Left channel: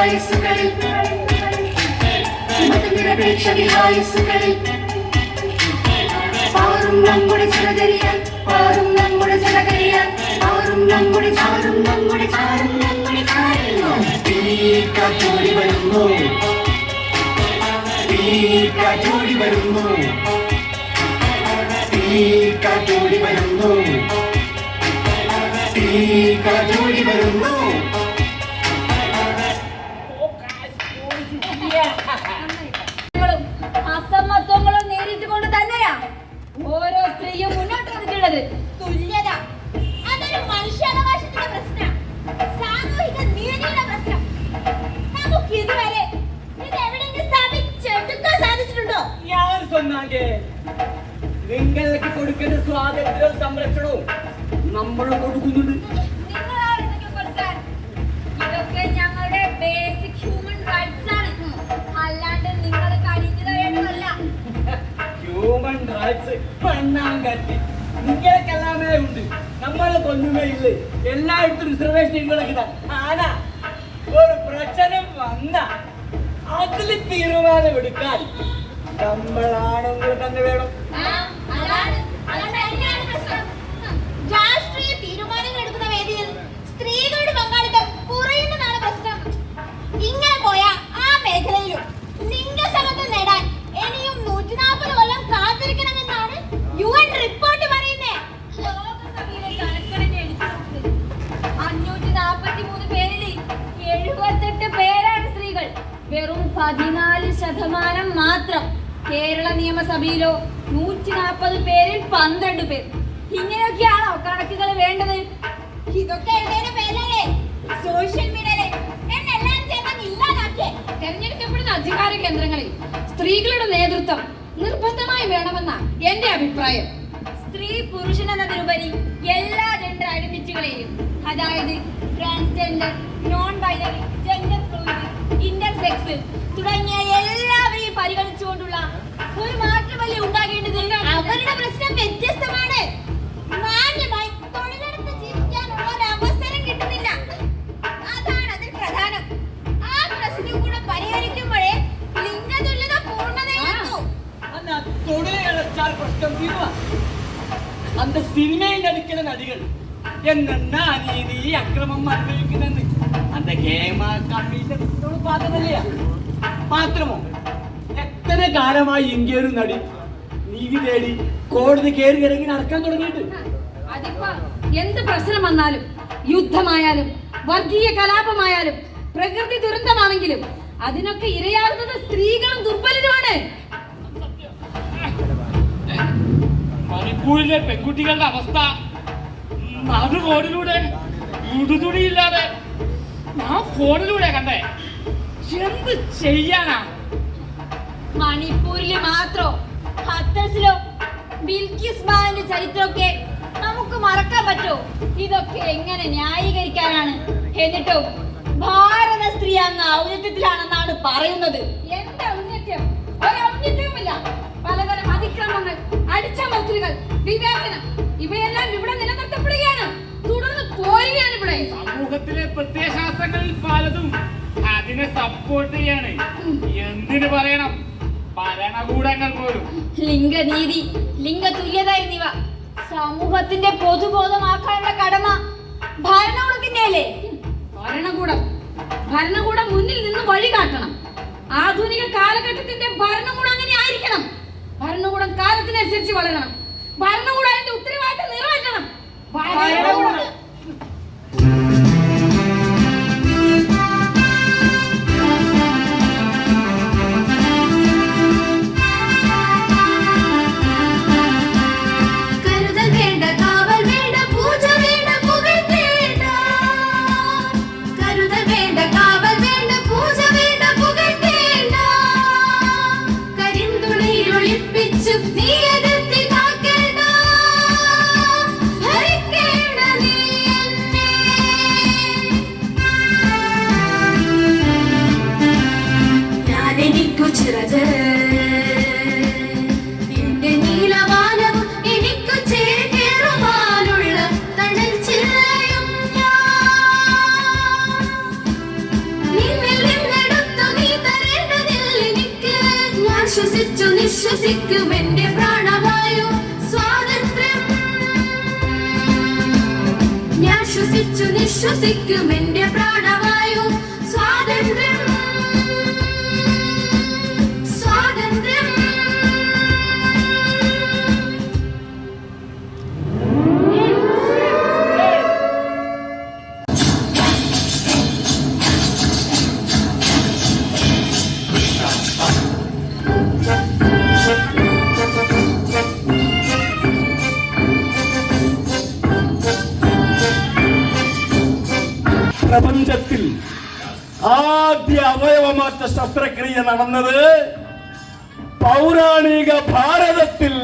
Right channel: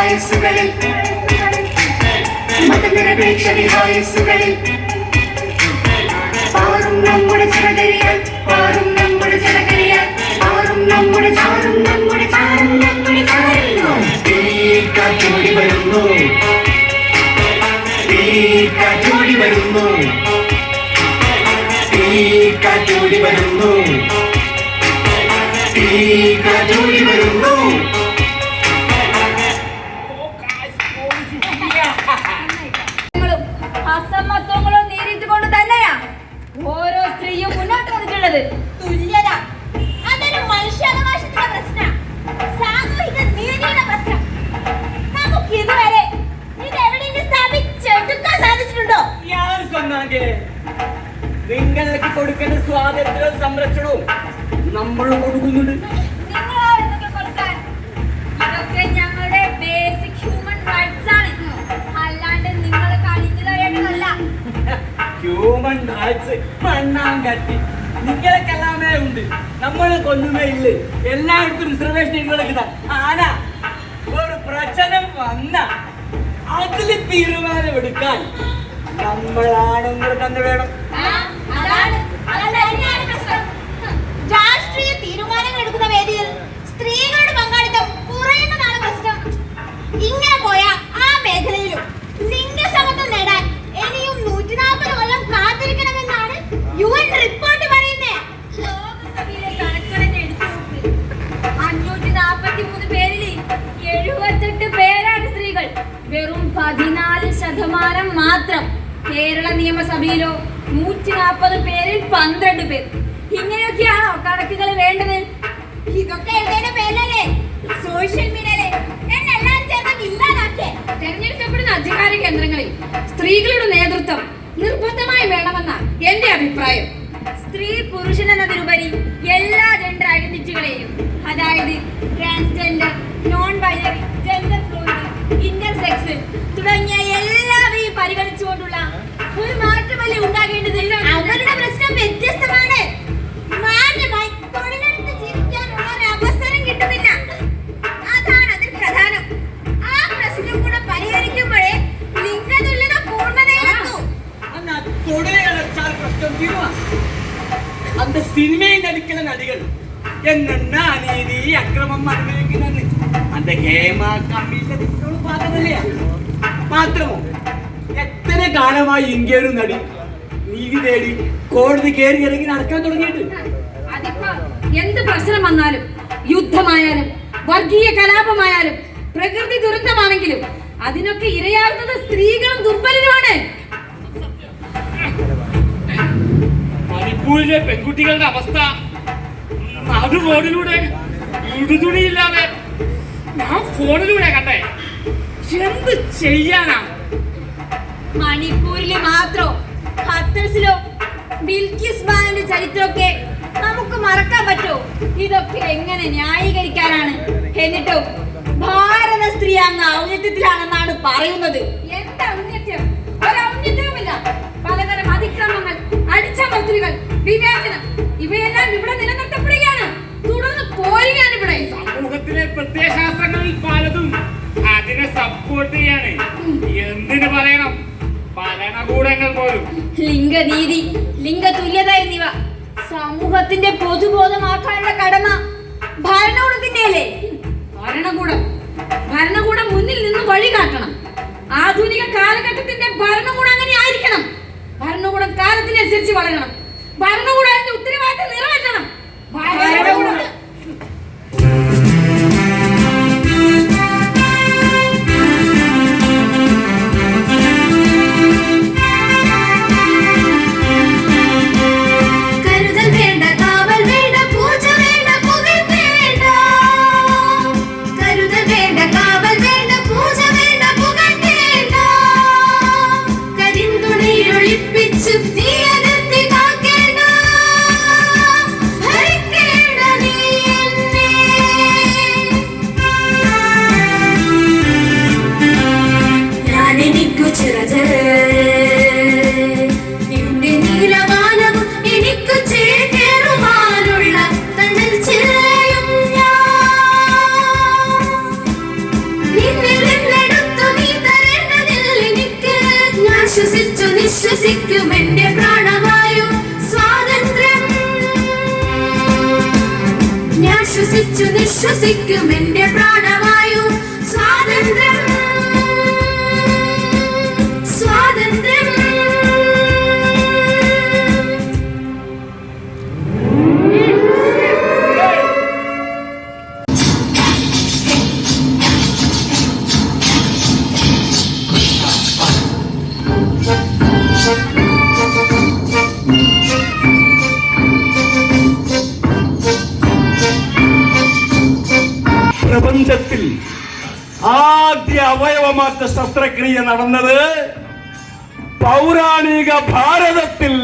വിഹായസുകളിൽ മതനിരപേക്ഷ വിഹായസുകളിൽ പാറും നമ്മുടെ ജനകരിയാൽ പാറും നമ്മുടെ ജനകരിയാൽ പാറും നമ്മുടെ ചാറും നമ്മുടെ ചാറും നമ്മുടെ കാറ്റോടി വരുന്നു കാറ്റോടി വരുന്നു. കാറ്റോടി വരുന്നു. കാറ്റോടി വരുന്നു. കാണാതെ നിങ്ങൾക്ക് കൊടുക്കുന്ന സ്വാതന്ത്ര്യവും സംരക്ഷണവും നമ്മൾ കൊടുക്കുന്നുണ്ട് ഹ്യൂമൻ റൈറ്റ്സ് മണ്ണാൻ കത്തി. നിങ്ങൾക്ക് എല്ലാമേ ഉണ്ട്. നമ്മളെ കൊന്നുമേ ഇല്ല? എല്ലായിടത്തും റിസർവേഷൻ ഉണ്ടെങ്കിൽ ആന ഒരു പ്രശ്നം വന്ന. അതിൽ തീരുമാനമെടുക്കാൻ നമ്മളാണുങ്ങൾ തന്നെ വേണം. കേരള നിയമസഭയിലോ നൂറ്റി നാൽപ്പത് പേരിൽ പന്ത്രണ്ട് പേർ. ഇങ്ങനെയൊക്കെയാണോ കണക്കുകൾ വേണ്ടത്? ഇതൊക്കെ എഴുതേണ്ട പേരല്ലേ സോഷ്യൽ മീഡിയയിലെ തെരഞ്ഞെടുക്കപ്പെടുന്ന അധികാര കേന്ദ്രങ്ങളിൽ സ്ത്രീകളുടെ നേതൃത്വം നിർബന്ധമായി വേണമെന്ന എന്റെ അഭിപ്രായം. സ്ത്രീ പുരുഷൻ എന്നതിലുപരി എല്ലാ അടച്ചാൽ പ്രശ്നം തീരുവാൻ അന്ത സിനിമയിൽ നടിക്കുന്ന നടികൾ. എന്നെന്ന അനീതി അക്രമം അനുഭവിക്കുന്നത് അന്റെ ഹേമ കമ്മീഷൻ പാത്രമല്ലേ? മാത്രമോ എത്ര കാലമായി ഇന്ത്യയിലും നടി നീതി തേടി കോടതി കയറി ഇറങ്ങി നടക്കാൻ തുടങ്ങിയിട്ട്. എന്ത് പ്രശ്നം വന്നാലും യുദ്ധമായാലും വർഗീയ കലാപമായാലും പ്രകൃതി ദുരന്തമാണെങ്കിലും അതിനൊക്കെ ഇരയാകുന്നത് സ്ത്രീകളും ദുർബലരുമാണ്. മണിപ്പൂരിലെ പെൺകുട്ടികളുടെ അവസ്ഥ. അത് ഫോണിലൂടെ. ഇടുതുണിയില്ലാതെ ഞാൻ ഫോണിലൂടെ കണ്ടേ. എന്ത് ചെയ്യാനാ? മണിപ്പൂരിൽ മാത്രോ? ഹത്തസിലോ ബിൽക്കിസ് ബാലന്റെ ചരിത്രമൊക്കെ നമുക്ക് മറക്കാൻ പറ്റോ? ഇതൊക്കെ എങ്ങനെ ന്യായീകരിക്കാനാണ്? എന്നിട്ടോ ഭാരത സ്ത്രീ അങ്ങ് ഔന്നിത്യത്തിലാണെന്നാണ് പറയുന്നത്. എന്ത് ഔന്നിത്യം? ഒരു ഔന്നിത്യവുമില്ല. പലതരം അതിക്രമങ്ങൾ അടിച്ചമർത്തലുകൾ വിവേചനം. ഇവയെല്ലാം ഇവിടെ നിലനിർത്തപ്പെടുകയാണ്. തുടർന്ന് പോരുകയാണ് ഇവിടെ. സമൂഹത്തിലെ പ്രത്യയശാസ്ത്രങ്ങളിൽ പലതും അതിനെ സപ്പോർട്ട് ചെയ്യാണ്. എന്തിനു പറയണം? ഭരണകൂടങ്ങൾ പോലും. ലിംഗനീതി ലിംഗതുല്യത എന്നിവ സമൂഹത്തിന്റെ പൊതുബോധമാക്കാനുള്ള കടമ ഭരണകൂടത്തിന്റെ അല്ലേ? ഭരണകൂടം. ഭരണകൂടം മുന്നിൽ നിന്ന് വഴി കാട്ടണം. ആധുനിക കാലഘട്ടത്തിന്റെ ഭരണകൂടം അങ്ങനെ ആയിരിക്കണം. ഭരണകൂടം കാലത്തിനനുസരിച്ച് വളരണം. ¡Vamos ശ്വസിക്കും എനിക്കു തണൽ നീ എന്റെ പ്രാണവായു സ്വാതന്ത്ര്യം. ഞാൻ ശ്വസിച്ചു നിശ്വസിക്കും എന്റെ പ്രാണവായു പ്രപഞ്ചത്തിൽ ആദ്യ അവയവമാറ്റ ശസ്ത്രക്രിയ നടന്നത് പൗരാണിക ഭാരതത്തിൽ.